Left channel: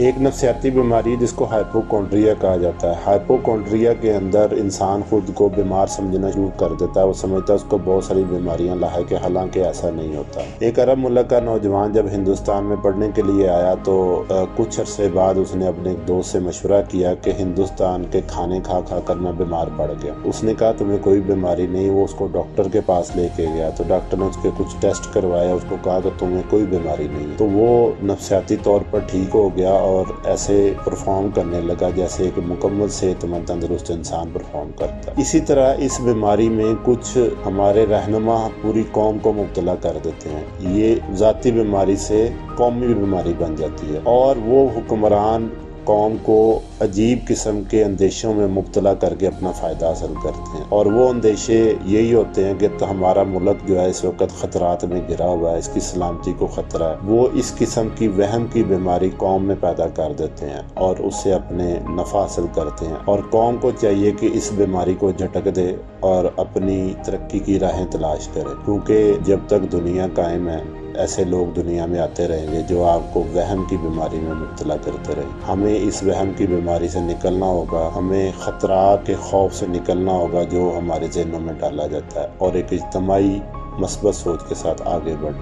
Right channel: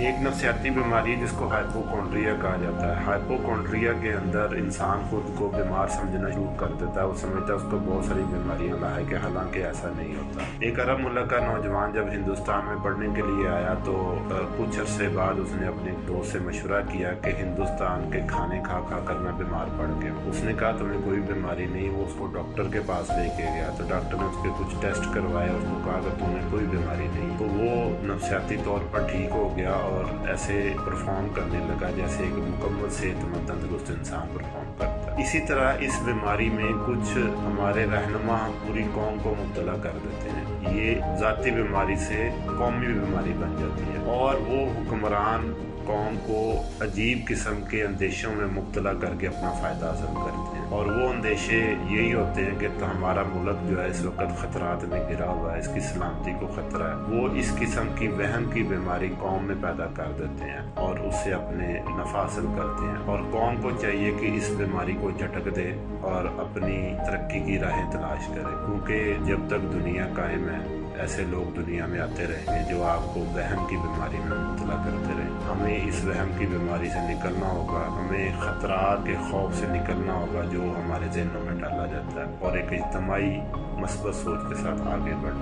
ایک نفسیاتی بیماری جس کو ہائپوکونڈریا کہا جاتا ہے۔ ہائپوکونڈریا کے اندر انسان خود کو بیمار سمجھنا شروع کر دیتا ہے، وہ سمجھتا ہے اس کو بہت ساری بیماریاں لاحق ہے، حالانکہ ایسا نہیں ہوتا۔ ایک عرب ملک کا نوجوان جب ہندوستان میں پڑھنے کے لیے آیا تو کچھ عرصے بعد اس نے اپنے ایک دوست سے مشورہ کیا کہ ہندوستان کے کھانے کھا کھا کر میں بیمار پڑ گیا۔ اس نے کہا تمہیں کوئی بیماری نہیں، وہ اس کو ڈاکٹر کے پاس لے کے گیا تو ڈاکٹر نے اس کے کچھ ٹیسٹ کروایا، اس کو کہا کہ تمہیں کوئی بیماری نہیں، تو وہ نفسیاتی طور پر ٹھیک ہو گیا اور ایسے پرفارم کرنے لگا جیسے ایک مکمل صحت مند تندرست انسان پرفارم کرتا ہے۔ اسی طرح اس بیماری میں کچھ ہمارے رہنما پوری قوم کو مبتلا کر دیتے ہیں، یہ ذاتی بیماری سے قومی بیماری بن جاتی ہے اور وہ حکمران قوم کو عجیب قسم کے اندیشوں میں مبتلا کر کے اپنا فائدہ حاصل کرتے ہیں، اور وہ اندیشے یہی ہوتے ہیں کہ تو ہمارا ملک جو ہے اس وقت خطرات میں گھرا ہوا ہے، اس کی سلامتی کو خطرہ ہے۔ وہ اس قسم کی وہم کی بیماری قوم میں پیدا کر دیتے ہیں اور اس سے اپنے نفع حاصل کرتے ہیں، اور قوم کو چاہیے کہ اس بیماری کو جھٹک دے اور اپنی ترقی کی راہیں تلاش کرے، کیونکہ جب تک دنیا قائم ہے ایسے لوگ دنیا میں آتے رہیں گے جو آپ کو وہم کی بیماری میں مبتلا کرتے رہیں۔ ہمیں اس وہم کی بیماری سے نکلنا ہوگا، ہمیں خطرات کے خوف سے نکلنا ہوگا جو ہمارے ذہنوں میں ڈالا جاتا ہے، اور ایک اجتماعی مثبت سوچ کے ساتھ آگے بڑھنا